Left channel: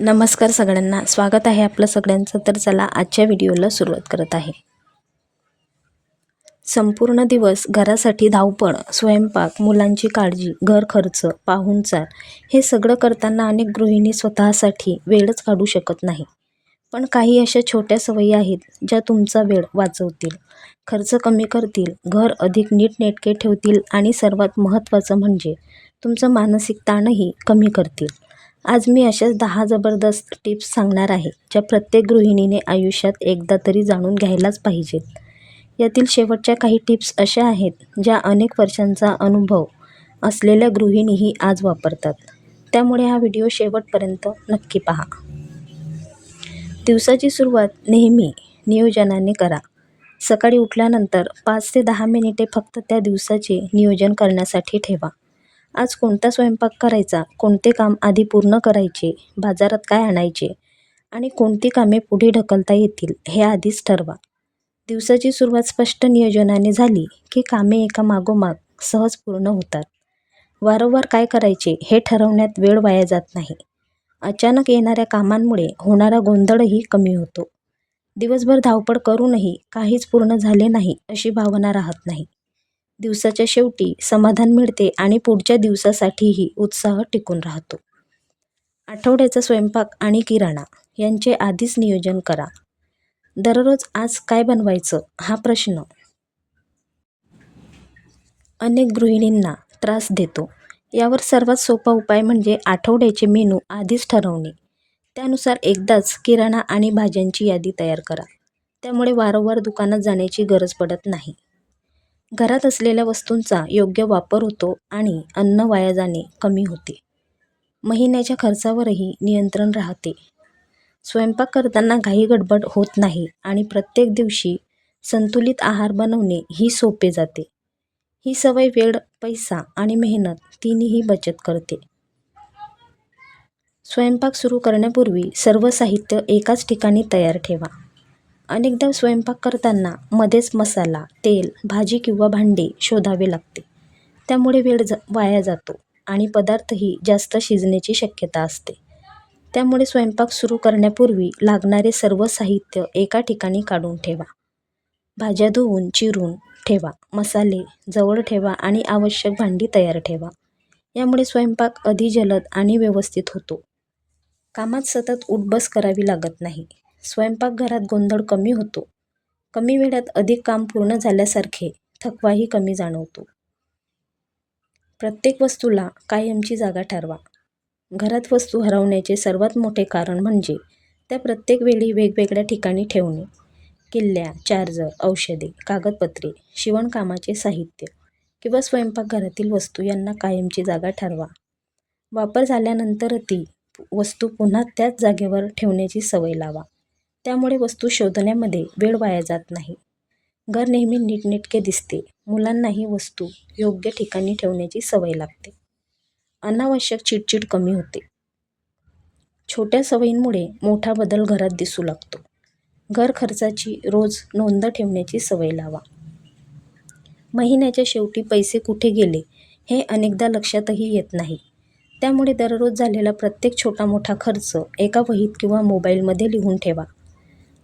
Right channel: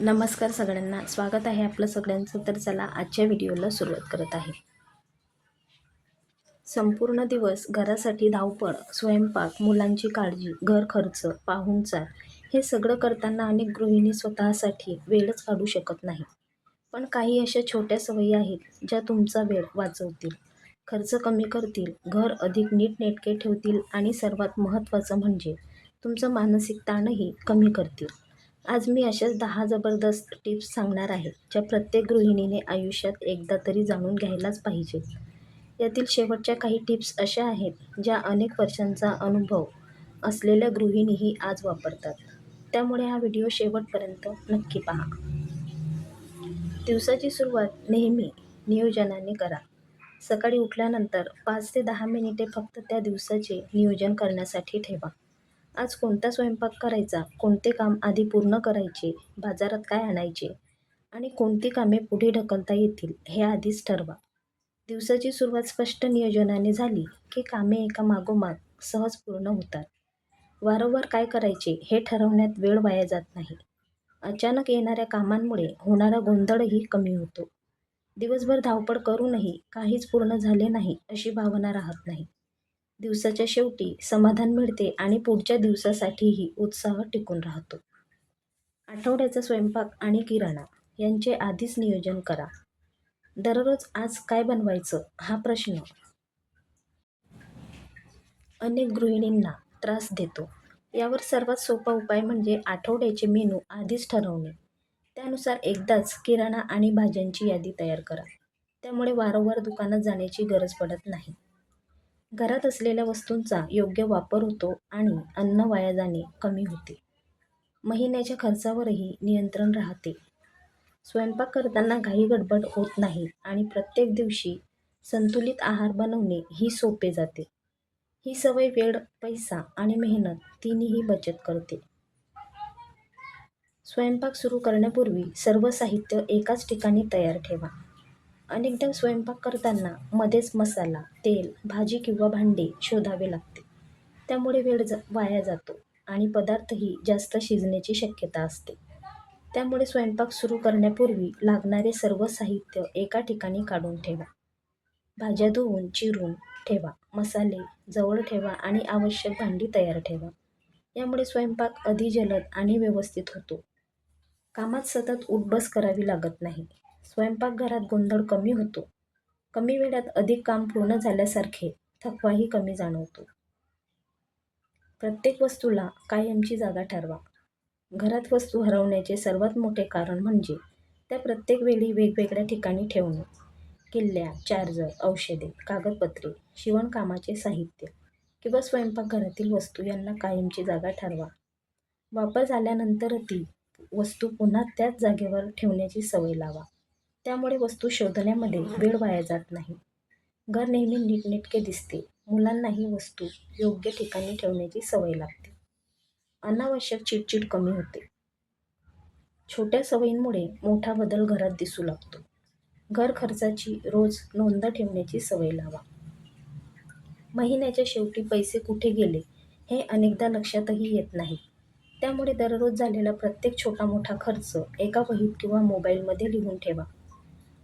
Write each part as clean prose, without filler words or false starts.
नमस्कार सगळ्यांना, स्वागत आहे आपलं सगळ्यांचं. तर चला आजच्या व्हिडिओला सुरुवात करत आहे. संपूर्ण दिवस घरासाठी धावपळ, स्वयंपाक, मुलांची काळजी, घर खर्च, पाहुणचार हे सगळं करताना अनेक गृहिणी स्वतःसाठी वेळच काढू शकत नाही. पण काही अशा छोट्या सवयी आहेत ज्या तुमचा वेळ वाचवतील, खर्च कमी करतील, घर अधिक नीटनेटके ठेवतील आणि सर्वात महत्त्वाचं म्हणजे तुमचा मानसिक ताणही कमी करतील. आज मी अशाच 10 जबरदस्त टिप्स सांगणार आहे ज्या प्रत्येक गृहिणीने आयुष्यात एकदा तरी जाणून घ्यायलाच पाहिजेत. यातील शेवटच्या काही टिप्स अशा आहेत ज्या अनेक वर्षांचा अनुभव असलेल्या गृहिणीही आज वापरतात. त्यामुळे हा व्हिडिओ शेवटपर्यंत नक्की पहा. दिवसाची सुरुवात नेहमी नियोजनाने करा. सकाळी उठल्यानंतर 5 ते 10 मिनिटे फक्त त्या दिवसाचे नियोजन करण्यासाठी ठेवा. आज कोणता स्वयंपाक करायचा, कोणते काम आधी पूर्ण करायचे, बाजारात काय आणायचे आणि कोणती कामे पुढे ढकलता येतील हे आधीच ठरवा. दिवसाची सुरुवात स्पष्ट नियोजनाने झाली की कामे एका मागोमाग सहज पूर्ण होतात. वारंवार काय करायचे हे ठरवण्यात वेळ वाया जात नाही. अचानक येणाऱ्या कामांमुळे होणारा गोंधळही कमी होतो. दिवसभर धावपळ करूनही काहीच पूर्ण झाले नाही अशी भावना राहत नाही. दिवसाच्या शेवटी समाधान मिळते आणि पुढच्या दिवसासाठीही उत्साह टिकून राहतो. आठवड्याचा स्वयंपाक आणि किराणा यांचे आधीच नियोजन करा. दररोज आज काय बनवायचं हा प्रश्न अनेक गृहिणींना त्रास देतो. यावर सर्वात सोपा उपाय म्हणजे आठवड्याचे मेनू आधीच ठरवणे. त्यानुसार एकदाच किराणा आणि भाज्यांची यादी तयार करा. त्यामुळे वारंवार दुकानात जाण्याची गरज पडत नाही. घरात असलेल्या वस्तूंचा योग्य वापर होतो आणि अन्न वाया जाणे कमी होते. महिन्याच्या खर्चावरही नियंत्रण राहते. स्वयंपाक करताना घाई गडबड होत नाही आणि प्रत्येक दिवशी संतुलित आहार बनवणे ही सोपे जाते. ही सवय वेळ, पैसा आणि मेहनत तिन्हीही बचत करते. स्वयंपाक सुरू करण्यापूर्वी सर्व साहित्य एकाच ठिकाणी तयार ठेवा. अनेकदा स्वयंपाक करताना मध्येच मसाला, तेल, भाजी किंवा भांडे शोधावे लागते. त्यामुळे वेळ वाया जातो आणि पदार्थही जास्त शिजण्याची शक्यता असते. त्यामुळे स्वयंपाक सुरू करण्यापूर्वी लागणारे सर्व साहित्य एका ठिकाणी काढून ठेवा. भाज्या धुवून चिरून ठेवा, मसाले जवळ ठेवा आणि आवश्यक भांडी तयार ठेवा. यामुळे स्वयंपाक अधिक जलद आणि व्यवस्थित होतो. कामात सतत उठबस करावी लागत नाही. स्वयंपाकघरात गोंधळ कमी होतो. कमी वेळात अधिक काम पूर्ण झाल्यासारखे थकवाही कमी जाणवतो. प्रत्येक वस्तूला कायमची जागा ठरवा. घरात वस्तू हरवण्याचे सर्वात मोठे कारण म्हणजे त्या प्रत्येक वेळी वेगवेगळ्या ठिकाणी ठेवणे. किल्ल्या, चार्जर, औषधे, कागदपत्रे, शिवणकामाचे साहित्य किंवा स्वयंपाकघरातील वस्तू यांना कायमची जागा ठरवा. वापर झाल्यानंतर ती वस्तू पुन्हा त्याच जागेवर ठेवण्याची सवय लावा. त्यामुळे वस्तू शोधण्यामध्ये वेळ वाया जात नाही. घर नेहमी नीटनेटके दिसते. मुलांनाही वस्तू योग्य ठिकाणी ठेवण्याची सवय लागते. अनावश्यक चिडचिड कमी होते. छोट्या सवयींमुळे मोठा बदल घरात दिसू लागतो. घर खर्चाची रोज नोंद ठेवण्याची सवय लावा. महिन्याच्या शेवटी पैसे कुठे गेले हे अनेकदा लक्षातही येत नाही. त्यामुळे दररोज झालेला प्रत्येक छोटा मोठा खर्च एका वहीत किंवा मोबाईलमध्ये लिहून ठेवा.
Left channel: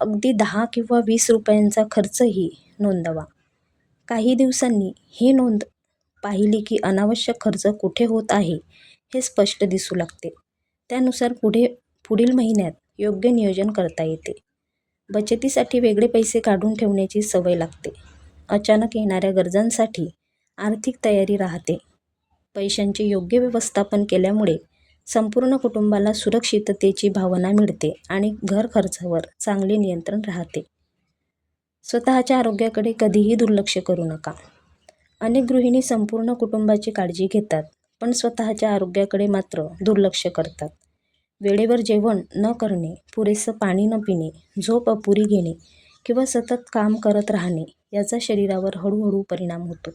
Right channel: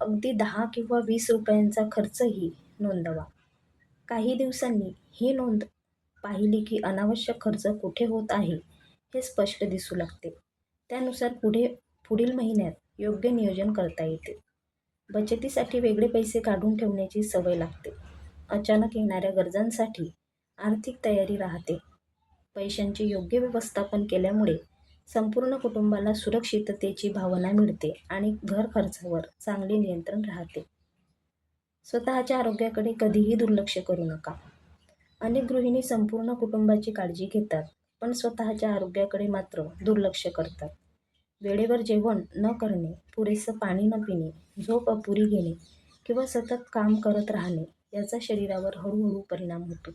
अगदी 10 किंवा 20 रुपयांचा खर्चही नोंदवा. काही दिवसांनी ही नोंद पाहिली की अनावश्यक खर्च कुठे होत आहे हे स्पष्ट दिसू लागते. त्यानुसार पुढील महिन्यात योग्य नियोजन करता येते. बचतीसाठी वेगळे पैसे काढून ठेवण्याची सवय लागते. अचानक येणाऱ्या गरजांसाठी आर्थिक तयारी राहते. पैशांचे योग्य व्यवस्थापन केल्यामुळे संपूर्ण कुटुंबाला सुरक्षिततेची भावना मिळते आणि घर खर्चावर चांगले नियंत्रण राहते. स्वतःच्या आरोग्याकडे कधीही दुर्लक्ष करू नका. अनेक गृहिणी संपूर्ण कुटुंबाची काळजी घेतात, पण स्वतःच्या आरोग्याकडे मात्र दुर्लक्ष करतात. वेळेवर जेवण न करणे, पुरेसं पाणी न पिणे, झोप अपुरी घेणे किंवा सतत काम करत राहणे याचा शरीरावर हळूहळू परिणाम होतो.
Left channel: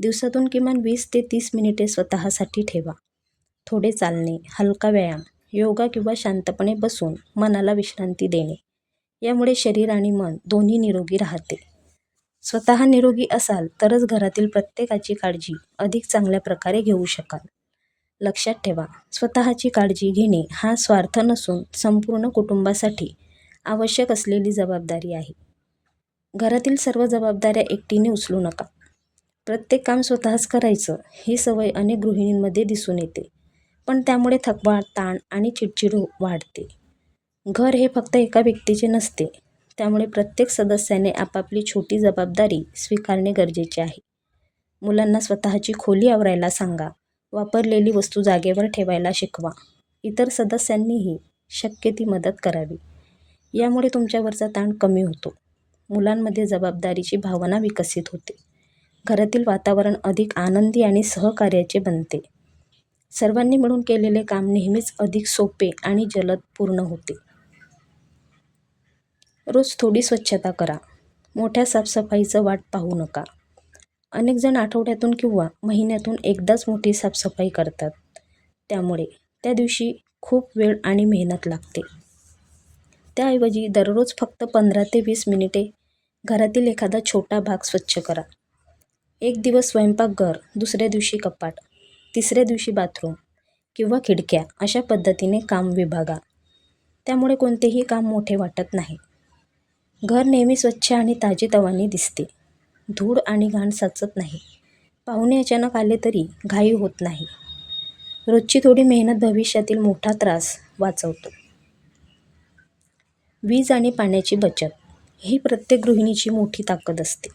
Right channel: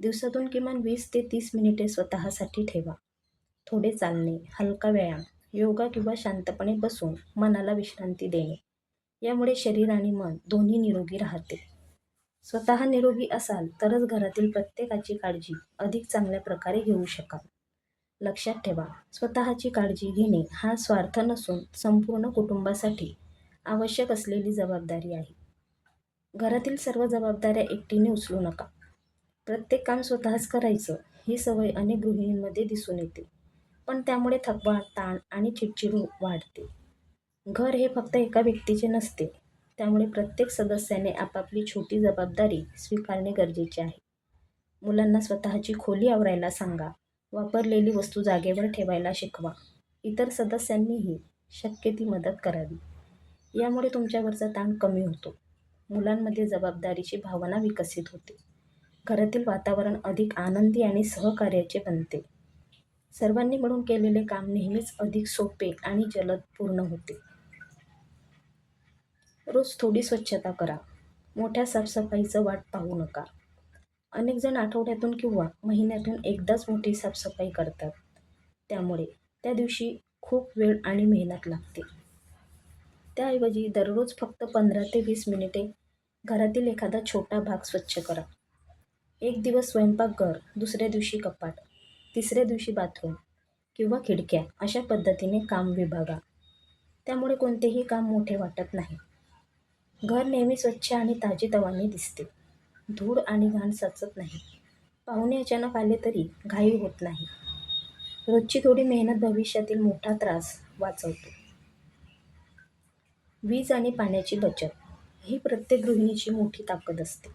दिवसातून किमान 20 ते 30 मिनिटे स्वतःसाठी ठेवा. थोडे चालणे, हलका व्यायाम, योगा किंवा शांतपणे बसून मनाला विश्रांती देणे यामुळे शरीर आणि मन दोन्ही निरोगी राहते. स्वतः निरोगी असाल तरच घरातील प्रत्येकाची काळजी अधिक चांगल्या प्रकारे घेऊ शकाल. लक्षात ठेवा, स्वतःची काळजी घेणे हा स्वार्थ नसून संपूर्ण कुटुंबासाठी आवश्यक असलेली जबाबदारी आहे. घरातील सर्व जबाबदाऱ्या एकटीने उचलू नका. प्रत्येक काम स्वतःच करायचं ही सवय अनेक गृहिणींमध्ये दिसून येते, पण त्यामुळे थकवा, ताण आणि चिडचिड वाढते. घर हे फक्त एका व्यक्तीचे नसते, त्यामुळे प्रत्येक सदस्याने आपापली छोटी जबाबदारी स्वीकारणे गरजेचे आहे. मुलांना स्वतःची खोली आवरायला सांगा, वापरलेली वस्तू जागेवर ठेवायला शिकवा. इतर सदस्यांनीही शक्य ती मदत करावी. यामुळे तुमच्यावरचा ताण कमी होतो. मुलांमध्ये जबाबदारीची भावना विकसित होते. घरातील वातावरण अधिक आनंदी आणि सहकार्याचे बनते. सर्वांनी मिळून केलेले काम नेहमीच अधिक सोपे आणि जलद पूर्ण होते. रोज थोडी स्वच्छता करा. मोठ्या साफसफाईचं वाट पाहू नका. अनेक जण आठवड्यातून किंवा महिन्यातून एकदाच मोठी साफसफाई करतात. त्यामुळे त्या दिवशी खूप वेळ आणि मेहनत लागते. त्याऐवजी दररोज फक्त 15 ते 20 मिनिटे घरातील एखादा छोटा भाग स्वच्छ करा. एक दिवस स्वयंपाकघर, दुसऱ्या दिवशी कपाट, तिसऱ्या दिवशी बाथरूम किंवा खिडक्या अशा पद्धतीने काम विभागा. त्यामुळे कोणतेही काम मोठे वाटत नाही. घर नेहमी स्वच्छ आणि ताजेतवाने दिसते. धूळ आणि घाण साचत नाही. पाहुणे अचानक आले तरी घाई होत नाही. रोजची थोडी मेहनत भविष्यातील मोठा त्रास वाचवतो. वीज आणि पाण्याची बचत ही प्रत्येक गृहिणीची मोठी ताकद असते.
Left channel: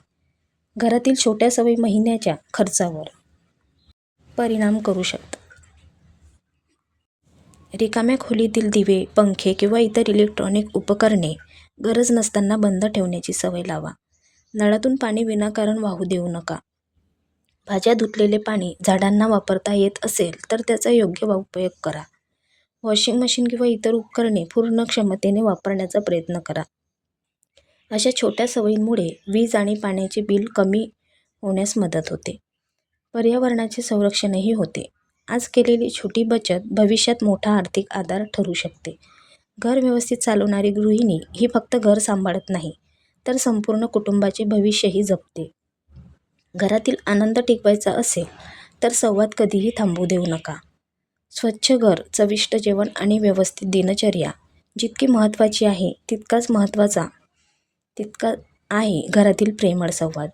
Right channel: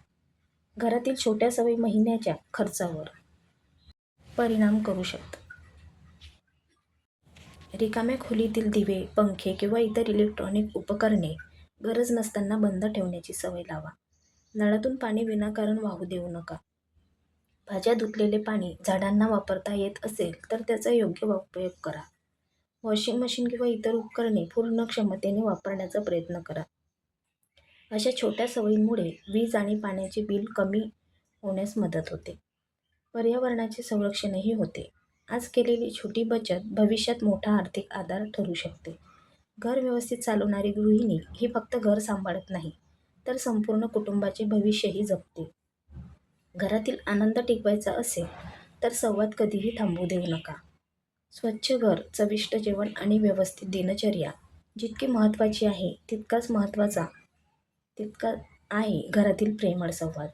घरातील छोट्या सवयी महिन्याच्या खर्चावर परिणाम करू शकतात. रिकाम्या खोलीतील दिवे, पंखे किंवा इतर इलेक्ट्रॉनिक उपकरणे गरज नसताना बंद ठेवण्याची सवय लावा. नळातून पाणी विनाकारण वाहू देऊ नका. भाज्या धुतलेले पाणी झाडांना वापरता येत असेल तर त्याचा योग्य उपयोग करा. वॉशिंग मशीन किंवा इतर उपकरणे पूर्ण क्षमतेने वापरण्याचा प्रयत्न करा. अशा छोट्या सवयींमुळे वीज आणि पाण्याचे बिल कमी होण्यास मदत होते. पर्यावरणाचे संरक्षणही होते. आज केलेली छोटी बचत भविष्यात मोठा आर्थिक आधार ठरू शकते. घर व्यवस्थित चालवणारी गृहिणी ही फक्त घर सांभाळत नाही, तर संपूर्ण कुटुंबाचे भविष्यही जपते. घरातील आनंद टिकवायचा असेल तर संवाद कधीही थांबू देऊ नका. स्वच्छ घर, चविष्ट जेवण आणि व्यवस्थित दिनचर्या जितकी महत्त्वाची आहे तितका आहे घरातील प्रेमळ संवाद.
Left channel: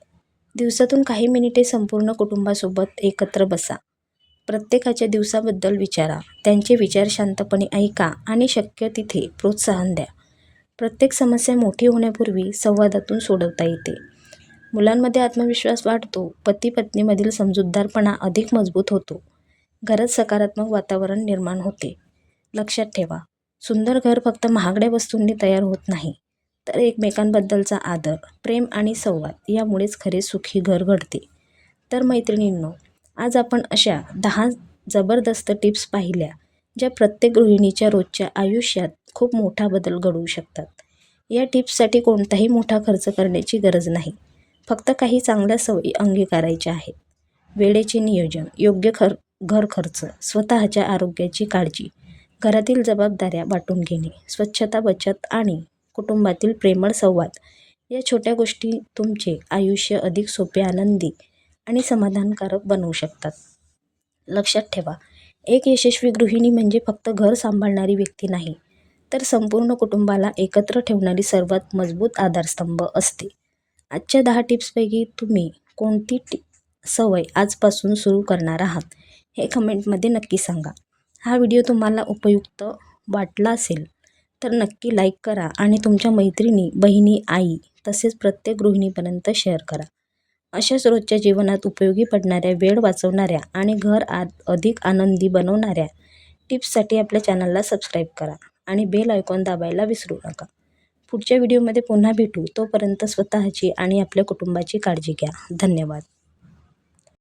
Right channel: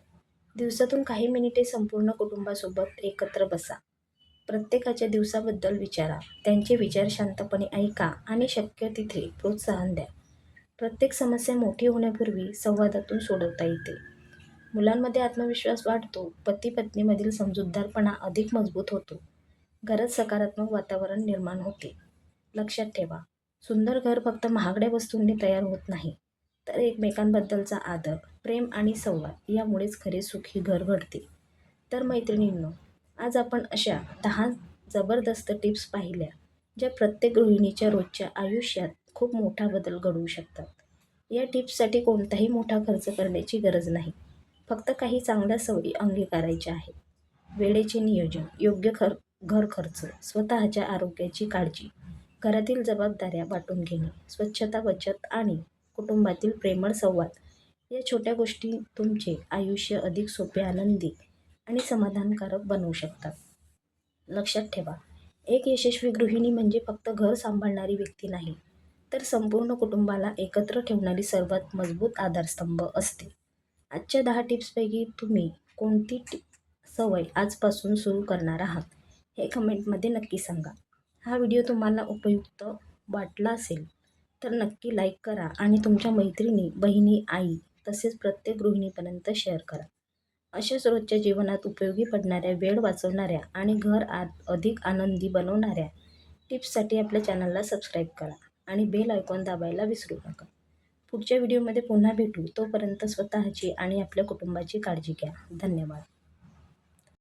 दिवसातून काही मिनिटे संपूर्ण कुटुंबासोबत एकत्र बसा. प्रत्येकाच्या दिवसाबद्दल विचारा. त्यांचे विचार शांतपणे ऐका आणि शक्य तिथे प्रोत्साहन द्या. प्रत्येक समस्या मोठी होण्यापूर्वी संवादातून सोडवता येते. मुलांमध्ये आत्मविश्वास वाढतो. पती-पत्नीमधील समजूतदारपणा अधिक मजबूत होतो. घरात सकारात्मक वातावरण निर्माण होते. लक्षात ठेवा, सुंदर घर फक्त महागड्या वस्तूंनी तयार होत नाही, तर एकमेकांबद्दलचा आदर, प्रेम आणि संवाद यामुळेच खरे सुखी घर घडते. तर मैत्रिणींनो, आज आपण अशा 10 जबरदस्त टिप्स पाहिल्या, ज्या प्रत्येक गृहिणीच्या रोजच्या आयुष्यात खूप मोठा बदल घडवू शकतात. या टिप्ससाठी कोणताही मोठा खर्च करण्याची गरज नाही. फक्त काही चांगल्या सवयी अंगीकारायच्या आहेत. वेळेचे नियोजन, योग्य घर खर्च, स्वतःच्या आरोग्याची काळजी, घरातील जबाबदाऱ्या वाटून घेणे, स्वच्छता, बचत आणि कुटुंबातील प्रेमळ संवाद या छोट्या गोष्टी तुमचे आयुष्य अधिक सोपे, आनंदी आणि समाधानकारक बनवू शकतात. लक्षात ठेवा, एक यशस्वी गृहिणी म्हणजे फक्त घर सांभाळणारी व्यक्ती नाही, तर संपूर्ण कुटुंबाला एकत्र ठेवणारी सर्वात मजबूत आधारस्तंभ असते. आजच्या 10 टिप्सपैकी तुम्ही कोणती सवय आजपासून सुरू करणार आहात हे कमेंटमध्ये नक्की सांगा. हा व्हिडिओ तुम्हाला उपयुक्त वाटला असेल तर नक्की लाईक करा आणि तुमच्या मैत्रिणी, बहिणी, आई तसेच प्रत्येक गृहिणीपर्यंत शेअर करा. अशाच रोजच्या जीवनात उपयोगी पडणाऱ्या, वेळ वाचवणाऱ्या आणि घर अधिक आनंदी बनवणाऱ्या टिप्ससाठी आपल्या चॅनलला सबस्क्राईब करा आणि बेल आयकॉन दाबायला विसरू नका. पुढच्या व्हिडिओमध्ये पुन्हा भेटू. तोपर्यंत स्वतःची आणि आपल्या कुटुंबाची काळजी घ्या. धन्यवाद.